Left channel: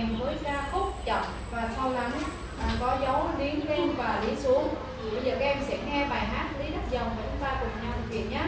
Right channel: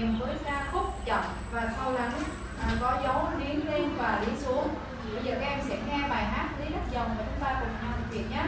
kèm với ca khúc chậm và sâu lắng, có dấu liến lên và liến xuống. Bây giờ các em sẽ nghe bài hát Lý Đắc Dòng và chúng ta cùng nhau thực hiện nhé.